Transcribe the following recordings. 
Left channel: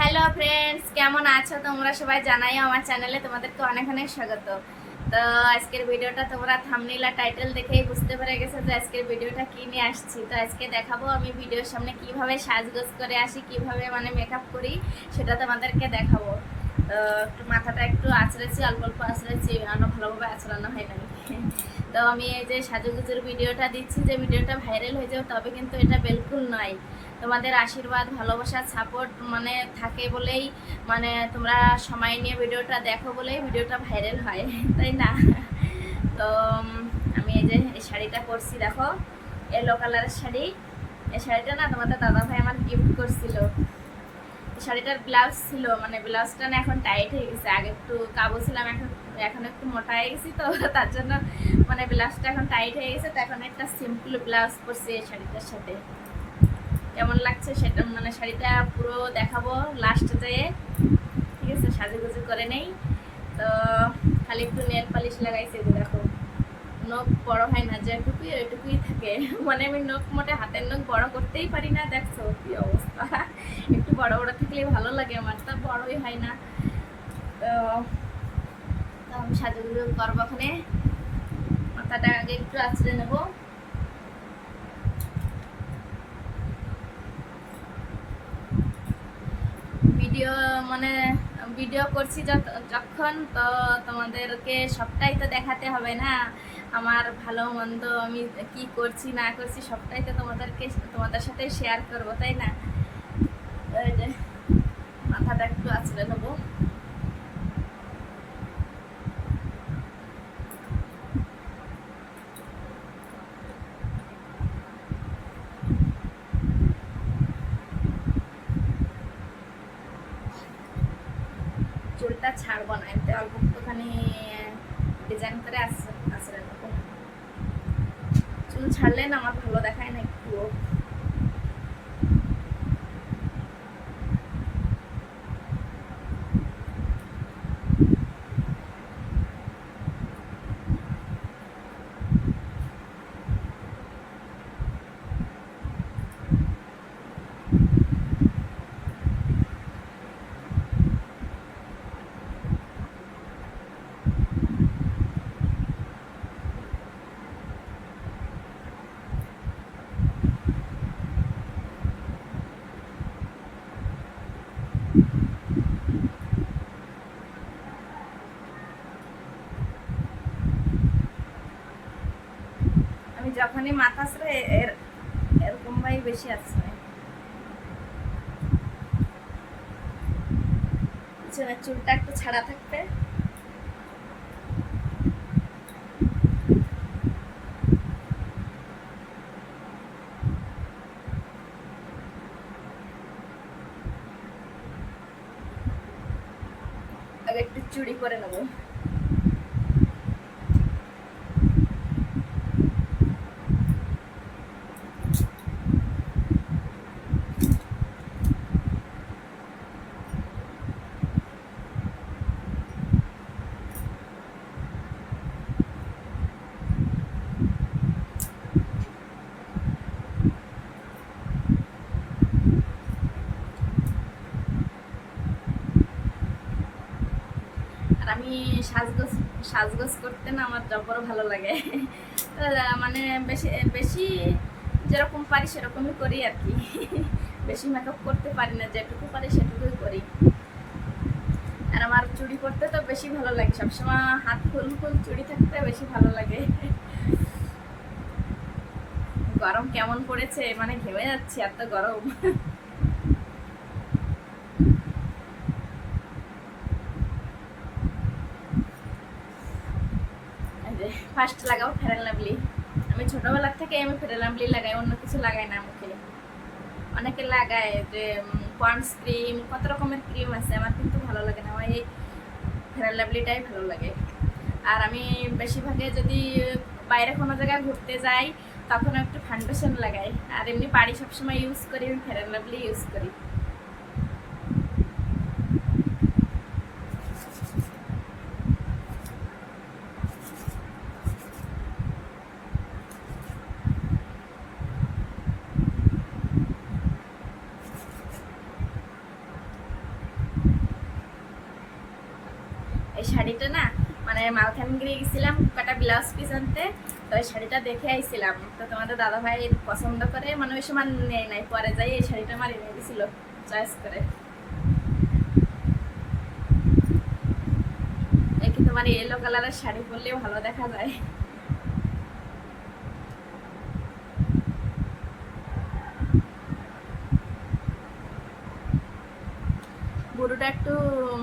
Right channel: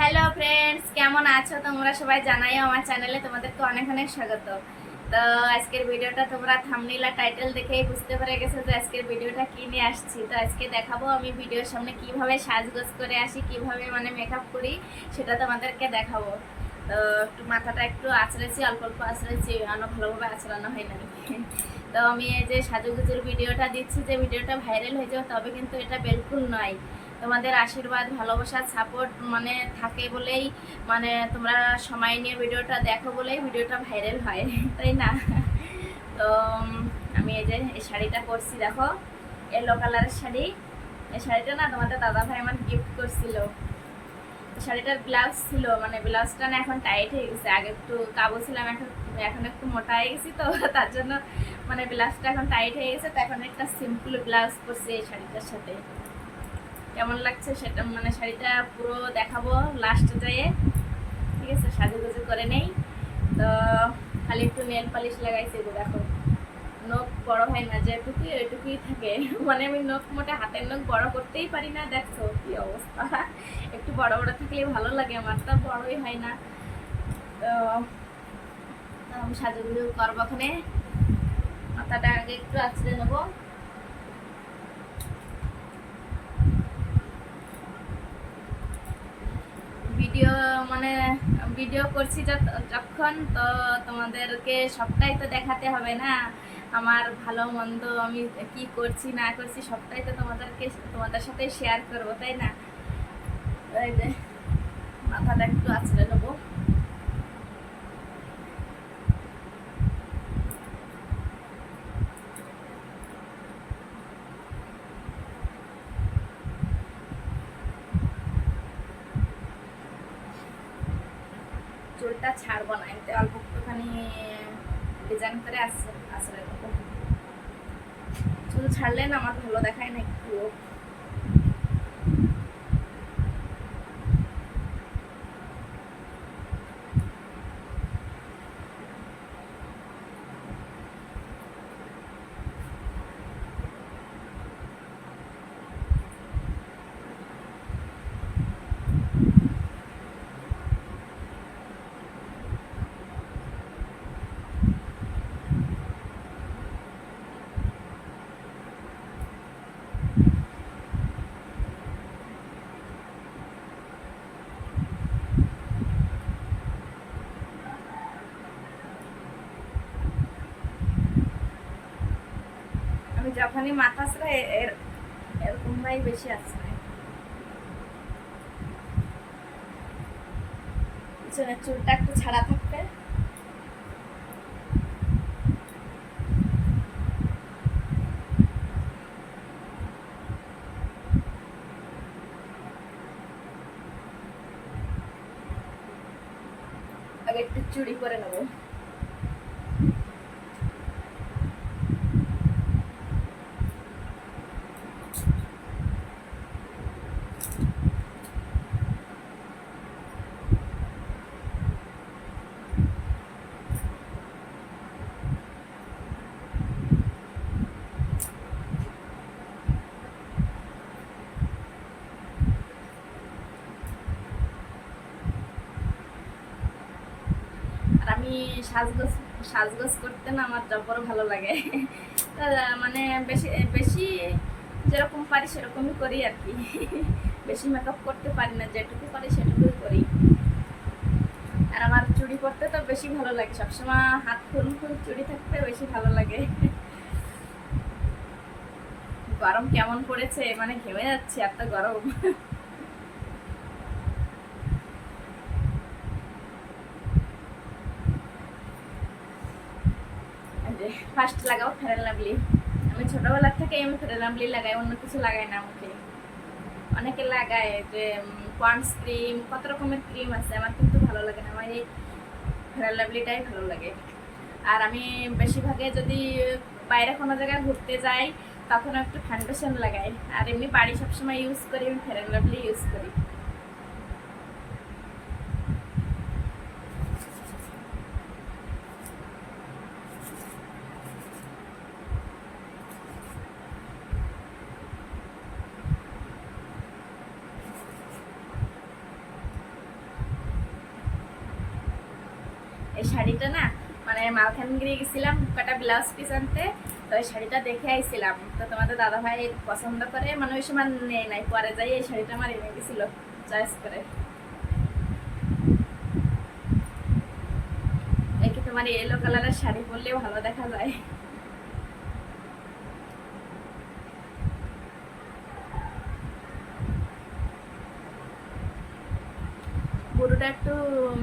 Hello friends কেমন আছো? তোমরা সবাই জানাই আমার চ্যানেলে তোমাদেরকে অনেক অনেক স্বাগত। তো আজকের ভিডিওটা তোমরা থামনিল টাইটেল দেখেই বুঝতে পেরে গেছো যে আজকের ভিডিওটা কি নিয়ে আসছি। তো আজকে দেখাবো আমি ভিডিওর সামনে কীভাবে সাজগোজ করে আসি, কীভাবে মানে মেকআপ করি, সেটা তোমাদেরকে দেখাবো। তো একটু মাথাটা একটু আঁচড়েছি, অল্প অল্প আঁচড়েছি, অন্য ভালোভাবে আঁচড়ানো হয় নাই। তো আমি এই যে সাজুগুজুর ভিডিওটা দিচ্ছি, যে ভিডিওটা ভাইরাল হয়ে যাবে তবে কিন্তু এটা বিলকুল নয়। তোমাদের আশীর্বাদ ভালোবাসার সাপোর্ট মানে থাকে বলেই মানে তোমরা সময় নিয়ে ভিডিওটা দেখো বলেই ভিডিওটা ভাইরাল হয়, তাই না? তো আমি এই যে এই শাড়িটা করছি, দেখো এলো কালারের শাড়ি। এই শাড়িটা না তোমাদের দাদা ভাই আমার গিফট করছিল। শাড়িটার ব্লাউজ ছিল মানে ব্লাউজটা না এখন টাইট হয়ে গেছে। আগে একটু কাবু ছিলাম, এখন এখন একটু মোটা হয়ে গেছি তো, তার জন্য মানে ব্লাউজটা এখন টাইট হয়ে গেছে। তো এখন একটা সিম্পল ব্লাউজ করছি এই শাড়িটার সাথে। কেমন লাগছে সেটা মানে শাড়িটা পুরো দেখাবো লাস্টে যেয়ে। ঠিক আছে, সাজুগুজু করে নেই। তো খালি একটু নেল পালিশ লাগাইছে যে দেখো। নখ বড় হয় না, যেটুকুই ওইটুকুই থাকে। মানে আমি নখ মোটে হাতের নখ বড় করতেই পারি না, দেখছ কি অবস্থা। একটু বড় বড় থাকলে ভালো লাগে, আমার তো বড়ই হয় না। তো আমি সাজুগুজু করব ওখানে। মাথাটা আগে একটু আছড়ে নেব। ভিডিও মানে ভিডিও করছি যখন তো তোমাদেরকে সবটাই তো দেখাতে হবে না। আমার ভালো, মন্দ, আমি কি করছি, না করছি, সবটাই তো তোমাদেরকে, তোমাদের সাথে শেয়ার করব, তাই না? মাথাটা একটু আছড়ে নেব চুলটা ছাড়বো না এতে অল্প একটুখানি ডিজাইন করে আসছে আসলে চুল ছাড়লে না আমার ভালো দেখায় না একটু আমি যখনই মাথা আসলে এর এরকম ভাই বেশি আসছে পিছনে চুলটা একটু ছাড়া থাকবে। আগে একটু চুড়ি করে নেব আর আমি সাজগোজ সাজগোজ করতে না আমার জব্বর ভালো লাগে। মানে বেশি বেশি যেরকম পারি সেরকমই করি আর কি। বেশি মেকআপ করতে পারি না, যেটুকু পারি সেটুকুই করি। আর আমার চুড়ি করতে তো বেশি ভালো লাগে, সবসময় হাত ফুল ফুল চুড়ি থাকতে বেশি ভালো লাগে। গরম কেমন পড়েছে? মানে ঘেমে যাচ্ছে, এত গরম। ফার্স্ট লাগাবো ফেরান লাভলি আমি ছোটবেলার থেকে আমি ফেরান লাভলি লাগাই, অন্য কিছু লাগাই না মুখে অনেকে লাগায় যে পন্ডস ক্রিম কত রকমের ক্রিম আছে, আমার কিন্তু ভালো লাগে না। আমার এই ফেরান লাভলিটাই ভালো লাগে। আর আমি বেশিরভাগে যদি বাইরে কোনো জায়গায় ঘুরতে যাই তখন একটু ফাউন্ডেশন লাগাই। আর এমনি বাড়ি সবসময় ইউজ করি, আমি ফেরান লাভলি ইউজ করি। শাড়িটা না মানে মালখানগিরি গেছিলাম কটা ব্লাউজ পিস আনতে, তো ওই শাড়িটা দেখে আইছিলাম। তো তোমাদের দাদা ভাই পছন্দ করে মানে ওই সময় নেই নাই, পরে যাই এই শাড়িটা আমার এনে দিছিল চয়েস করে। এই কি তোমার ইয়েলো কালারের শাড়ি পরলেও ভালো দেখা যায়। গরুটা একটু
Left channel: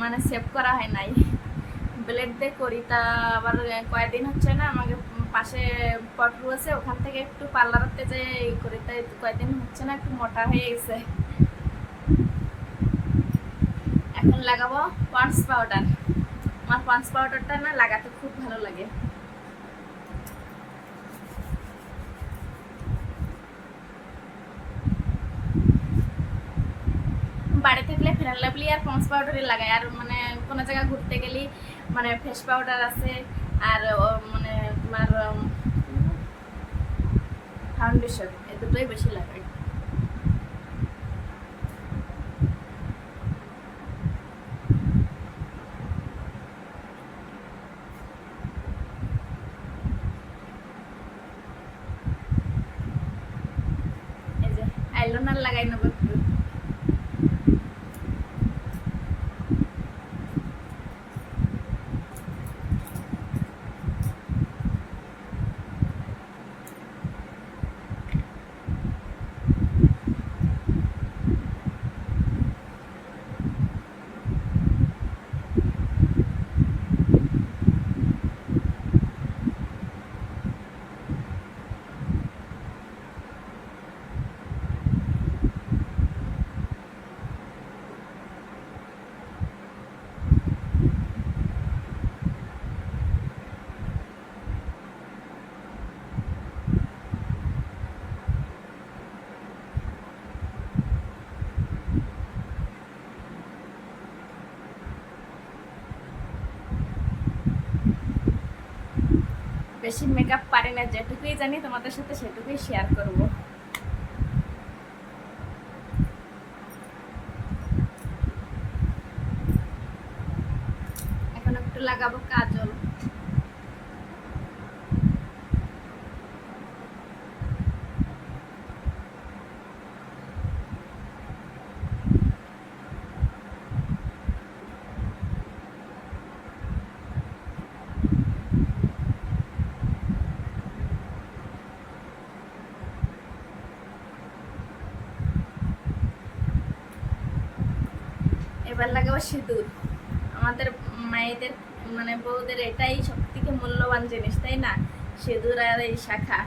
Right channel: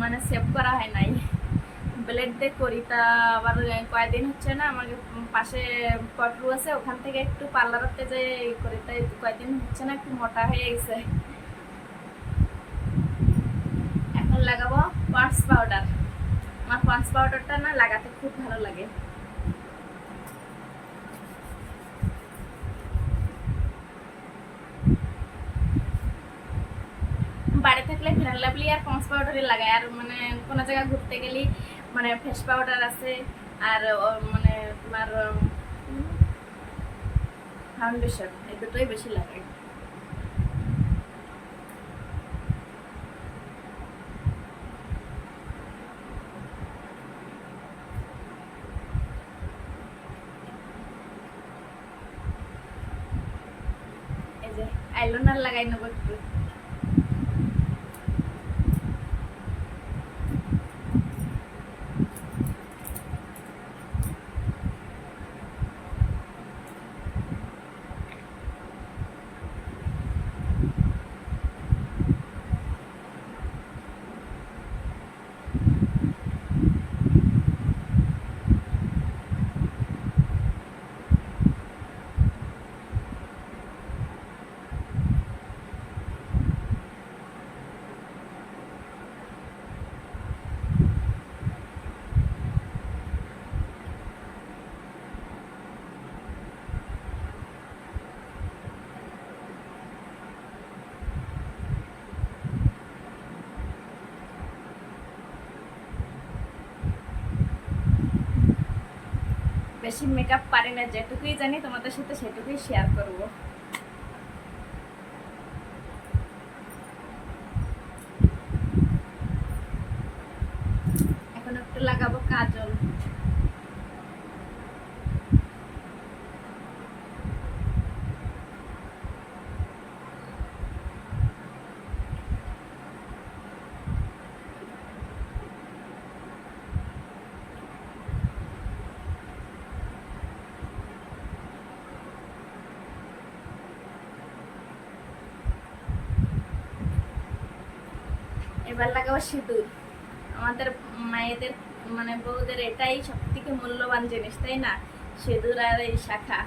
মানে সেভ করা হয় নাই। ব্লেড দিয়ে করি, তা আবার কয়েকদিন হচ্ছে না, আমাকে পাশে পটরু আছে, ওখান থেকে একটু পার্লারতে যে করি, তাই কয়েকদিন হচ্ছে না, একটু মোটা হয়ে গেছে। এখন লাগাবো পন্স পাউডার। আমার পন্স পাউডারটা না লাগাতে খুব ভালো লাগে। বাড়ি থাকলে ফেরান লাভলি আর পন্স পাউডারই লাগাই, আর মানে কোনো জায়গায় ঘুরতে গেলে মানে ফেস পাউডার আছে আর মানে তোমার ফাউন্ডেশন এই দুটোই বেশি লাগাই আইলাইনার লাগাই নেব একটু বেশি মেকআপ পারি না, যেটুকুই জানি তোমাদের সাথে সেটুকুই শেয়ার করব। এখন একটু লাগাবো কাজল। এবার লাগাবো সিঁদুর। আমাদের মায়েদের মানে বউদের এটাই সব থেকে মূল্যবান জিনিস, তাই না? সিঁদুর আর এই শাখা।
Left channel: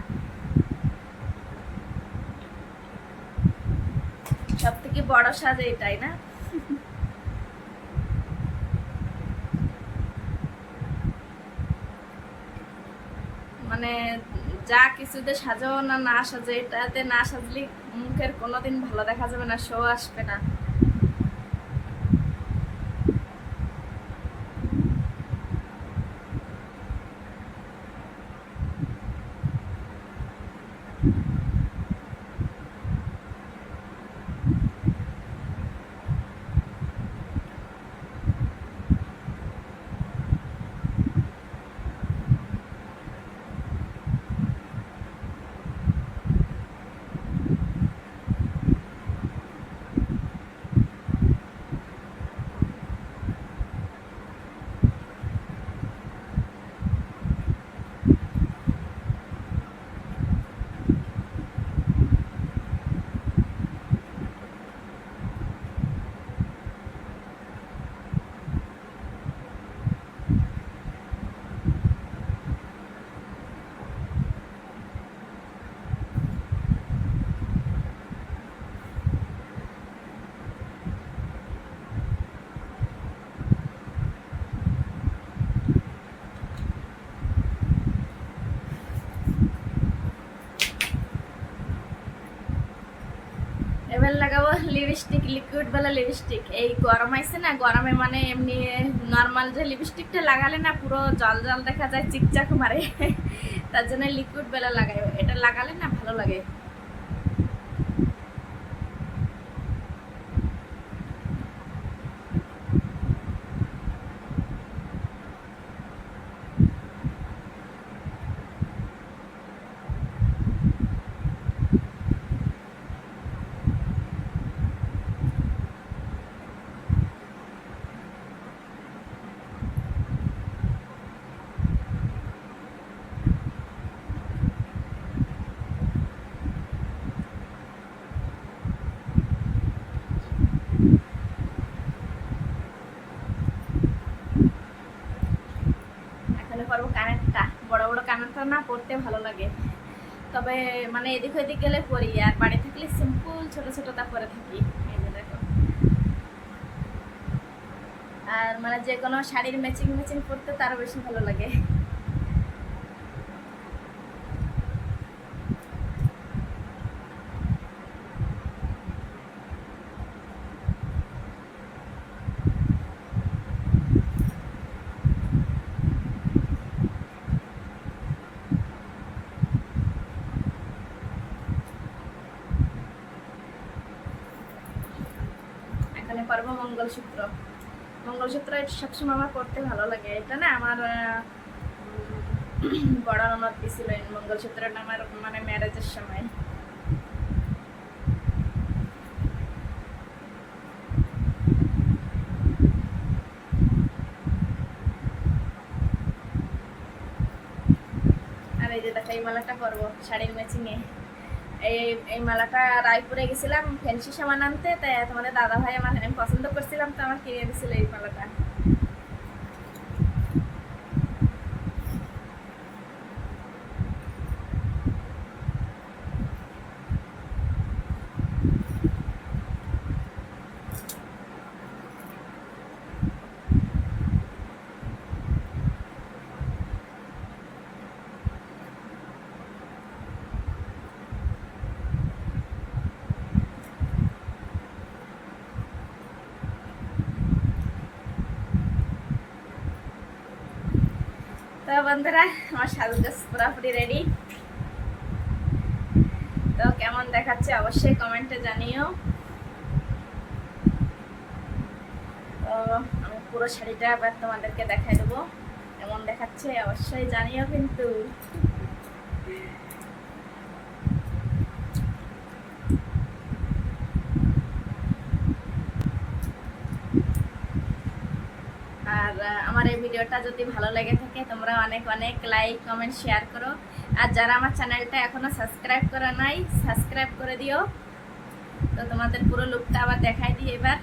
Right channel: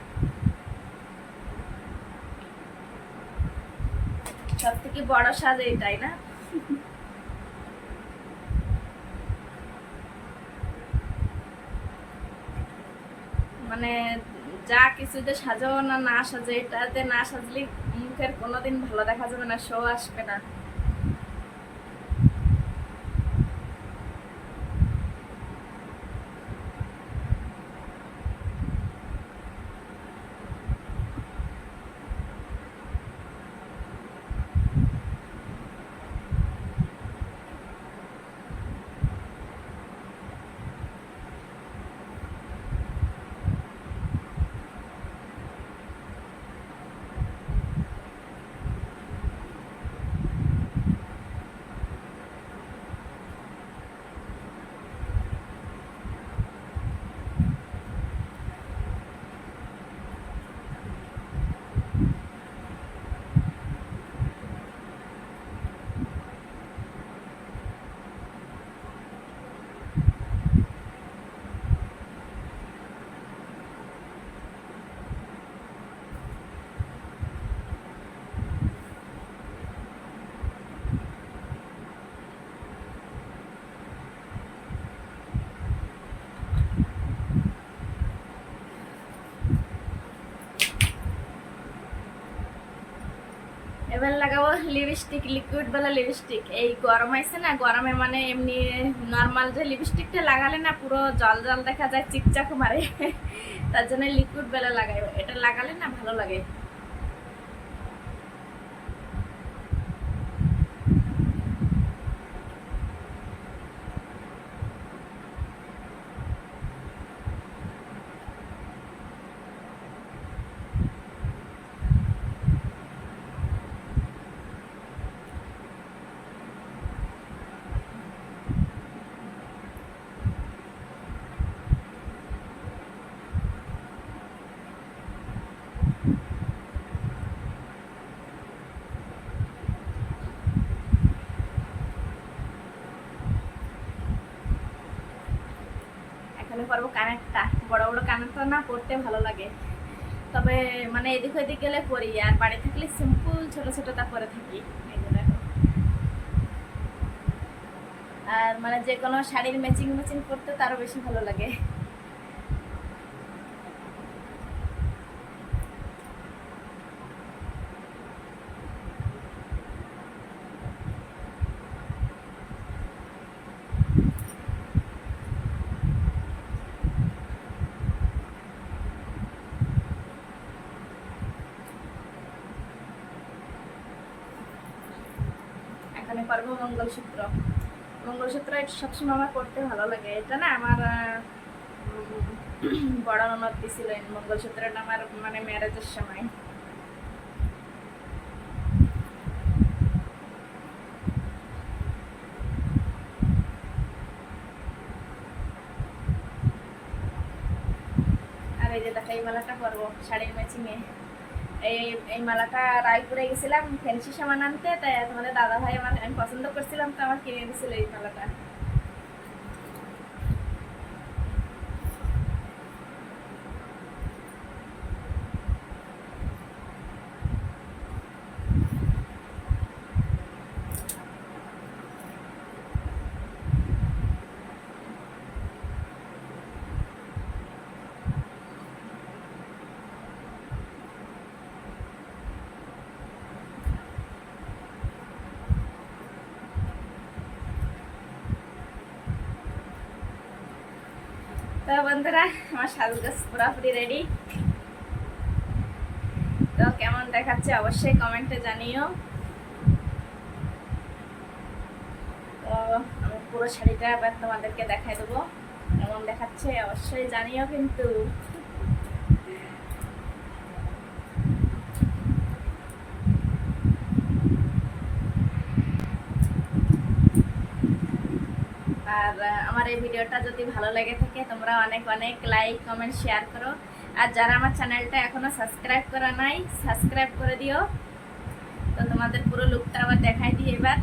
সব থেকে বড় সাজ এটাই না? মানে যা কিছুতে সাজাও না না সাজে, এটাতে না সাজলে মুখের কোনোদিন ভালো দেখা যাবে না, শো আসবে না এবার লাগাবো লিপস্টিক লিকুইড বেলা লিপস্টিক এই গরম আইছে না, গরমে মানে এমনি নর্মাল যে লিপস্টিকটা লাগালে না পুরো জল জল দেখা যায়, চিকচাক মারে। তার জন্য লিকুইড বেলা লাগাই। এটা লাগালে না ভালো লাগে। পরবো কানেরটা বড় বড় কানেরটা না পরতে ভালো লাগে। তবে মানে এদিক ওদিক গেলে পরি আর বাড়ি থাকলে সিম্পল ছোট ছোটটা পরে থাকি দেখো। আর মানে যে কোনো শাড়ির ম্যাচিং ম্যাচিং করতে তারও বেশি ভালো লাগে। এখানে পারব মঙ্গলসূত্র। মঙ্গলসূত্র এটা সবসময় আমার পড়তে ভালো লাগে। এটা না আমার বড় ননদ দিছিল মঙ্গলসূত্রটা আমার মানে ম্যারেজের সময়। আর এই যে দেখো, এই মালাটা পরবো শাড়ির ম্যাচিংয়ে এই এই মালাটা রায়পুরে গেছিলাম ফ্যান্সি সামান আনতে তাই তোমাদের দাদা ভাই আমার আমি পছন্দ করছিলাম, তো আমার কিনে দিছিল এই মালাটা। তো বন্ধুরা, আমার সাজগোজ পুরোপুরি রেডি তো কেমন দেখাচ্ছে অবশ্যই কমেন্টে জানিও। তো আমি পুরো শাড়িটা তোমাদেরকে দেখাই দেবো। কেমন দেখাচ্ছে অবশ্যই জানিও কিন্তু। আমার এই ভিডিওটা যদি ভালো লেগে থাকে, তোমরা অনেক অনেক লাইক কমেন্ট শেয়ার করো। আর যারা আমার চ্যানেলটা এখনও সাবস্ক্রাইব করা নাই সাবস্ক্রাইব করে দিও। তো তোমাদের পুরো লুকটা আবার দেখাই দিই এবার।